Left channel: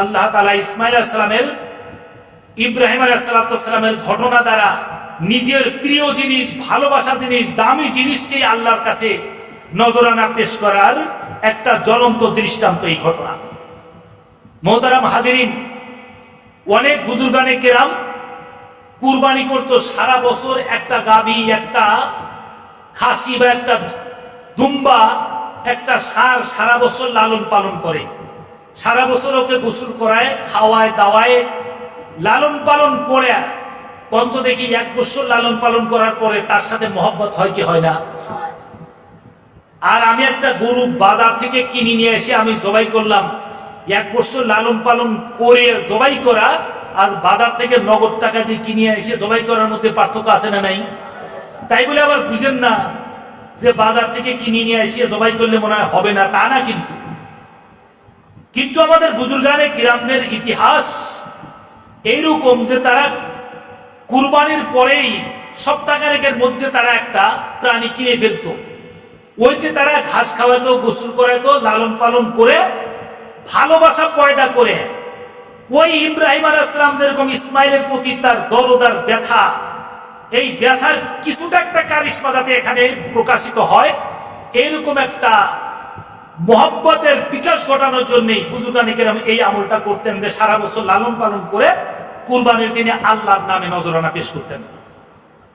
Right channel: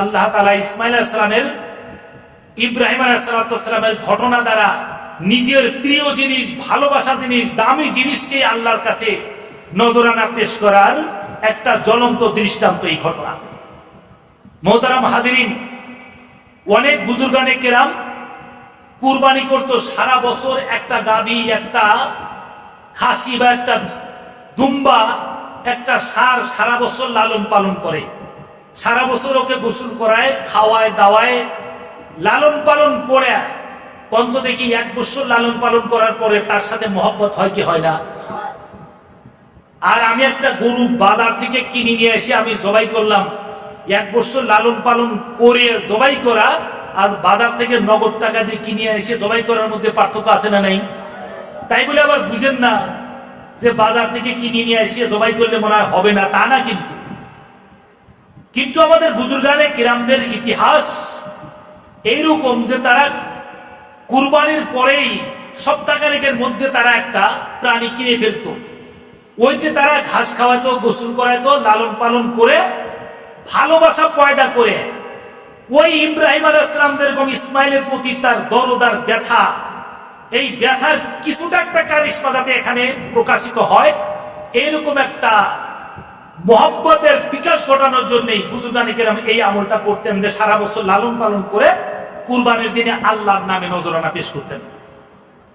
আল্লাহ তাআলা ইসমাইল আলাইহিস সালামের ইব্রাহিম আলাইহিস সালামের ঘটনা দ্বারা নিজের প্রিয় জিনিস, ভালোবাসা জিনিস, দামি জিনিসকে আল্লাহর কাছে নজরানা পেশ করার একটা জ্বলন্ত দৃষ্টান্ত এই ঘটনা। মোহতারাম হাজিরিন, অনেক বুজুর্গানে কেরাম কুরবানি করতো সারা বছর একটা গাভী, একটা খাসি বা একটা দুম্বা, একটা ষাঁড় সারা বছর লালন পালন করে, সারা বছর ওকে গোসল করায়, খাওয়ায় দাওয়ায়, লালন পালন করে। কন্ত দেখি 1 বছর লালন পালন করার পরে তার সাথে মহব্বত হয় কি হয় না? আর আমি একটা গরু বাজার থেকে কিনে নিয়ে এসে আমি জবাই করলাম, 1 বছর লালন পালন করে জবাই করা আর বাজার থেকে নগদ টাকা দিয়ে কিনে এসে জবাই করার মধ্যে পার্থক্য আছে না নাই? তাই বলে আবার বুঝেন না যে বাজার থেকে কিনে নিয়ে এসে জবাই করলে মনে হয় হবে না, তা না। কিন্তু আমাদের বুজুর্গানে কিরামদের ইতিহাস এইরকম যে তারা কুরবানির পরেই সপ্তাহখানেকের মধ্যে তারা একটা প্রাণী কিনে ফেলতো, ওইতে তারা ঘাস খাওয়াতো, গোসল করাইতো, লালন পালন করে ভালোবাসা পয়দা করে। ওই ইব্রাহিম আলাইহিস সালাম যেরকম ইসমাইলের প্রতি তার দরদ আর ব্যথা, এই ব্যথার কিছুটা একটা কারিশমা যাতে এখানে প্রকাশিত হয়, এইরকম একটা মহব্বতের বিকাশ ঘটানোর জন্যই বুজুর্গানে কেরাম এই আমলটা করতেন যে সারা বছর লালন পালন করে কুরবানির দিনে আল্লাহর নামে নজরানা পেশ করতেন।